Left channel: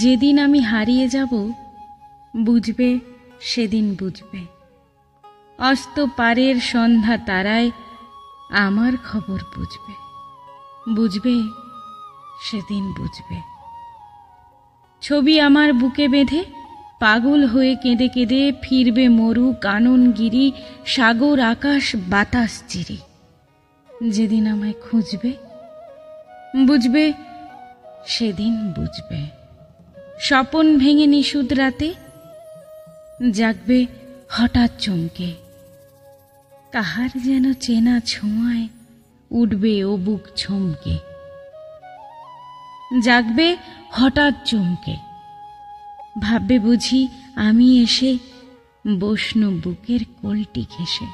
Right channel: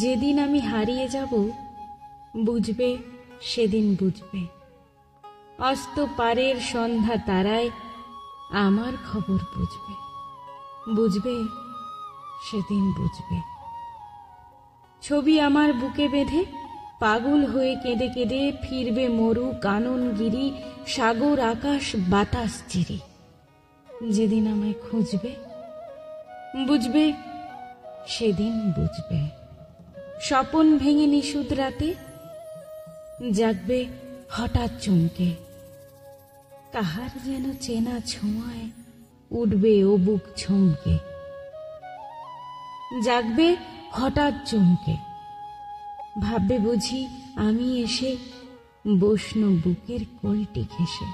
যেদিন আমি হারিয়ে যাব, বুঝবে সেদিন বুঝবে। অস্ত পারের সন্ধ্যা তারায় আমার খবর বুঝবে, বুঝবে সেদিন বুঝবে। ছবি আমার বুকে বেঁধে পাগল হয়ে কেঁদে কেঁদে ফিরবে মরু কাননগিরি, সাগর আকাশ বাতাস চিরে। যেদিন আমায় খুঁজবে, বুঝবে সেদিন বুঝবে। স্বপন ভেঙে নিশুদ রাতে জাগবে হঠাৎ চমকে, কাহার যেন চেনা ছোঁয়ায় উঠবে ও বুক ছমকে। জাগবে হঠাৎ চমকে, ভাববে বুঝি আমি এসে বসনু বুকের কোলটি ঘেঁষে।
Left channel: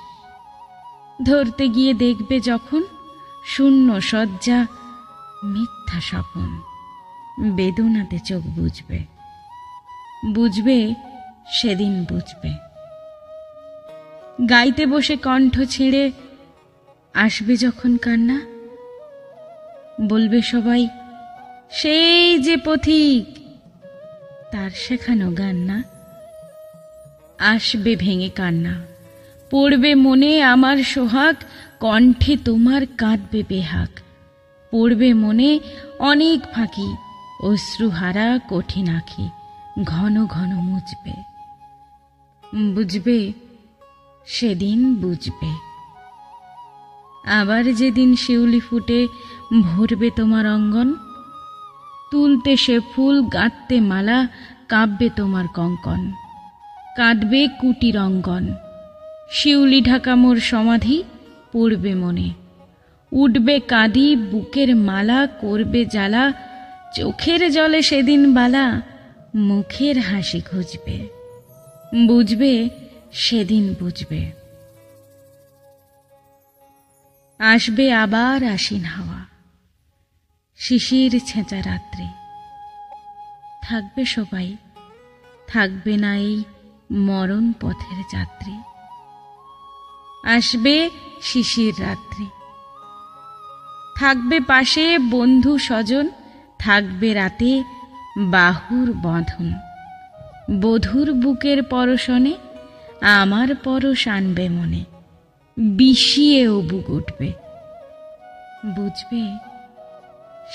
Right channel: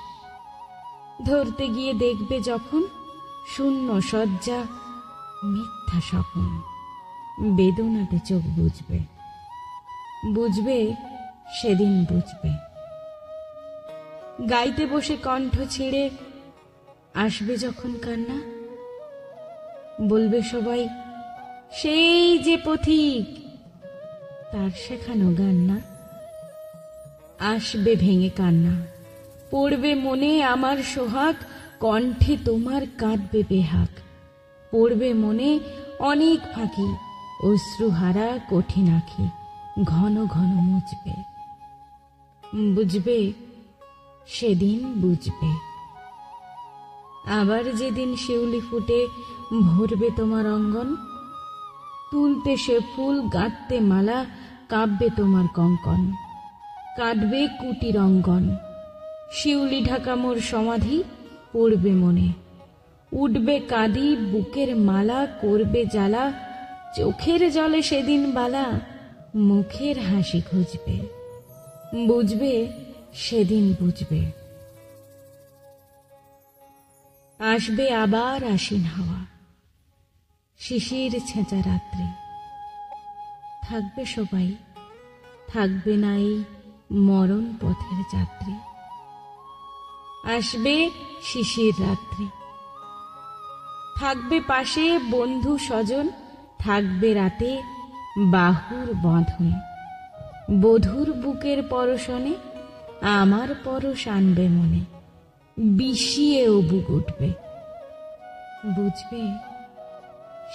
ধরতে গিয়ে দেখবে যখন শূন্য শয্যা মিথ্যা স্বপন, বেদনাতে চোখ বুঝবে, বুঝবে সেদিন বুঝবে। গাইতে বসে কণ্ঠ ছিঁড়ে আসবে যখন কান্না, বলবে সবাই সেই যে পথিক, তার শেখানো গান না। আসবে ভেঙে কান্না, পড়বে মনে আমার সোহাগ, কণ্ঠে তোমার কাঁদবে বেহাগ। পড়বে মনে অনেক ফাঁকি, অশ্রুহারা কঠিন আঁখি ঘন ঘন মুছবে, বুঝবে সেদিন বুঝবে। আবার যেদিন শিউলি ফুটে ভরবে তোমার অঙ্গন, তুলতে সে ফুল গাঁথতে মালা, কাঁপবে তোমার কঙ্কন, কাঁদবে কুটির অঙ্গন। শিউলি ঢাকা মোর সমাধি পড়বে মনে, উঠবে কাঁদি বুকের মালা, করবে জ্বালা চোখের জলে সেদিন বালা, মুখের হাসি খুঁজবে, বুঝবে সেদিন বুঝবে। আসবে আবার আশ্বিন হাওয়া, শিশির ছেঁচা রাত্রি, থাকবে সবাই, থাকবে না এই মরণ পথের যাত্রী। আসবে শিশির রাত্রি, থাকবে পাশে বন্ধু স্বজন, থাকবে রাতে বাহুর বঁধন। বধূর বুকের পরশনে আমার পরশ আনবে মনে, বিষিয়ে ও বুক উঠবে, বুঝবে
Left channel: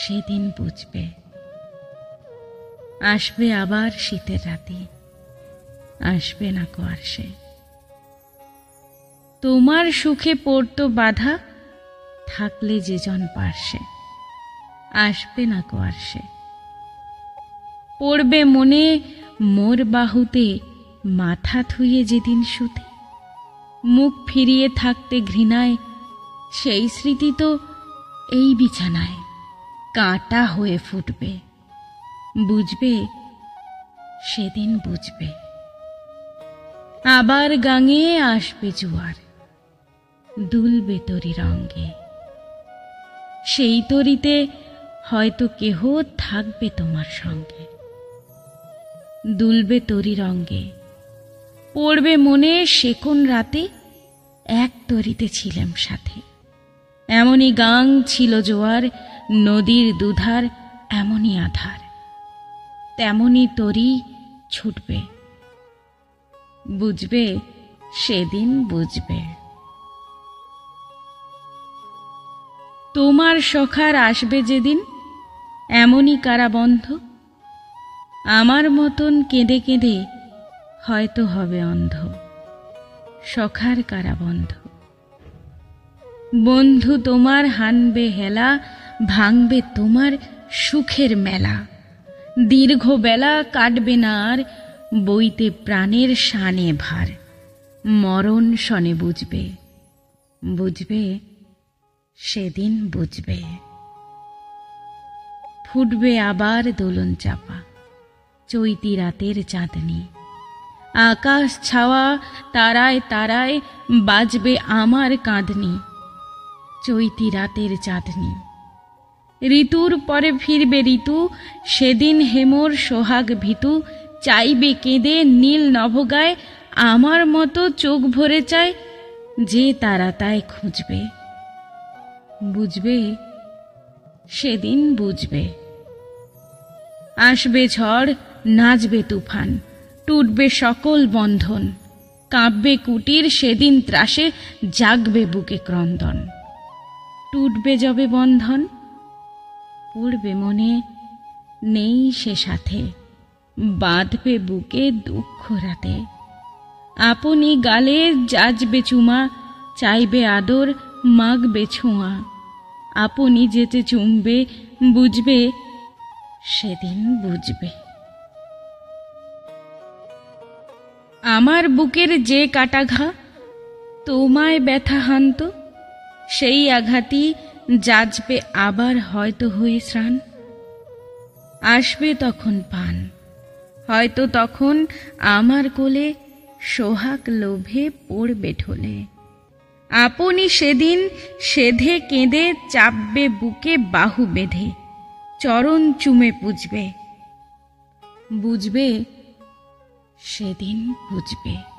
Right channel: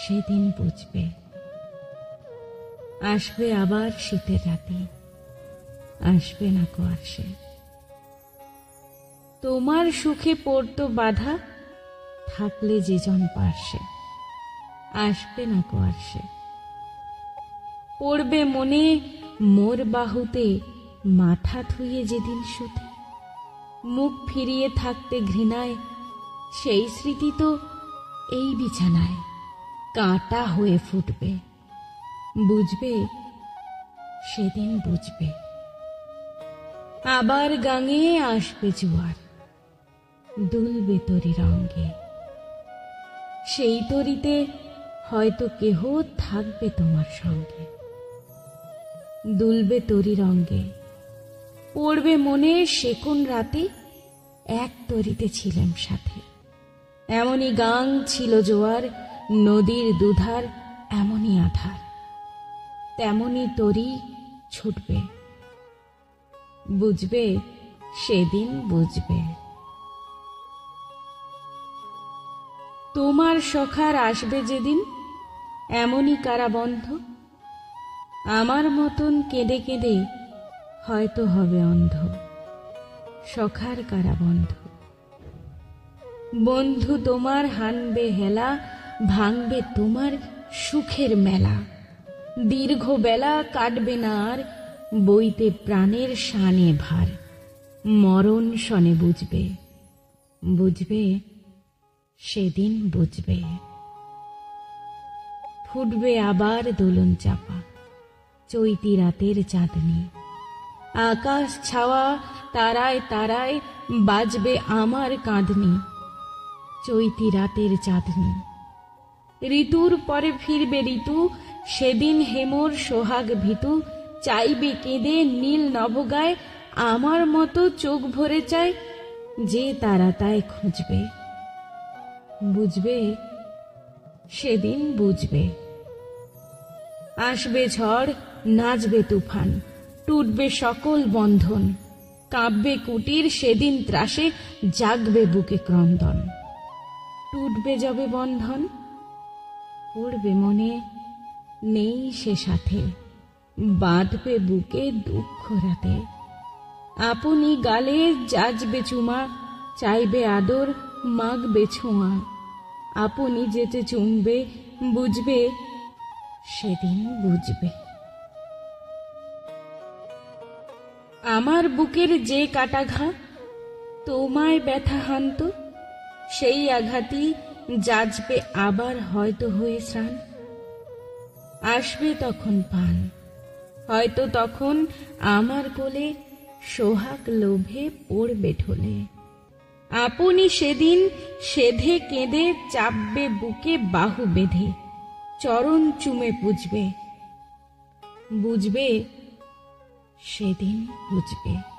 সেদিন বুঝবে। আসবে আবার শীতের রাতে, আসবে না কো আর সে। তোমার সুখে পড়তো বাধা, থাকলে যে জন পার্শ্বে, আসবে না কো আর সে। পড়বে মনে মোর বাহুতে মাথা থুয়ে যেদিন শুতে, মুখ ফিরিয়ে থাকতে ঘৃণায়, সেই স্মৃতি তো এই বিছানায় কাঁটা হয়ে ফুটবে, বুঝবে সেদিন বুঝবে। আবার গাঙে আসবে জোয়ার, দুলবে তরি রঙ্গে, সেই তরিতে হয়তো কেহ থাকবে তোমার সঙ্গে। দুলবে তরি রঙ্গে, পড়বে মনে সে কোন রাতে এক তরিতে ছিলাম সাথে। এমনই গাং ছিল জোয়ার, নদীর দুধার এমনই আধার, তেমনি তরি ছুটবে, বুঝবে সেদিন বুঝবে। তোমার সখার আসবে যেদিন এমনই কারাবন্ধ, আমার মতন কেঁদে কেঁদে হয়তো হবে অন্ধ। সখার কারাবন্ধ, বন্ধু তোমার হানবে হেলা, ভাঙবে তোমার সুখের মেলা। দীর্ঘ বেলা কাটবে না আর, বইতে প্রাণের শানে ভার। মরণ শনে বুঝবে, বুঝবে সেদিন বুঝবে। ফুটবে আবার দোলন চাপা, চৈতি রাতের চাঁদনি। আকাশ ছাওয়া তারায় তারায় বাজবে আমার কাঁদনি। চৈতি রাতের চাঁদনি, ঋতুর পরে ফিরবে ঋতু, সেদিন হেমর সোহাগ ভীতু। চাইবে কেঁদে নীল নভগায়, আমার মতো চোখ ভরে চায়। যে তারা তাই খুঁজবে, বুঝবে সেদিন বুঝবে। আসবে ঝড়, নাচবে তুফান, টুটবে সকল বন্ধন, কাঁপবে কুটির সেদিন ত্রাসে, জাগবে বুকে ক্রন্দন। টুটবে যবে বন্ধন, পড়বে মনে, নেই সে সাথে, বাঁধবে বুকে দুঃখ রাতে। আপনি গালে যাচবে চুমা, চাইবে আদর, মাগবে ছোঁয়া। আপনি যেতে চুমবে, বুঝবে সেদিন বুঝবে। আমার বুকের যে কাটাঘা তোমায় ব্যথা হানত, সেই আঘাতই যাচবে আবার হয়তো হয়ে স্নান। আসবে তখন পান, হয়তো তখন আমার কোলে সোহাগ লোভে পড়বে ঢলে। আপনি সেদিন সেধে কেঁদে চাপবে বুকে বাহু বেঁধে, চরণ চুমে পুজবে, বুঝবে সেদিন বুঝবে।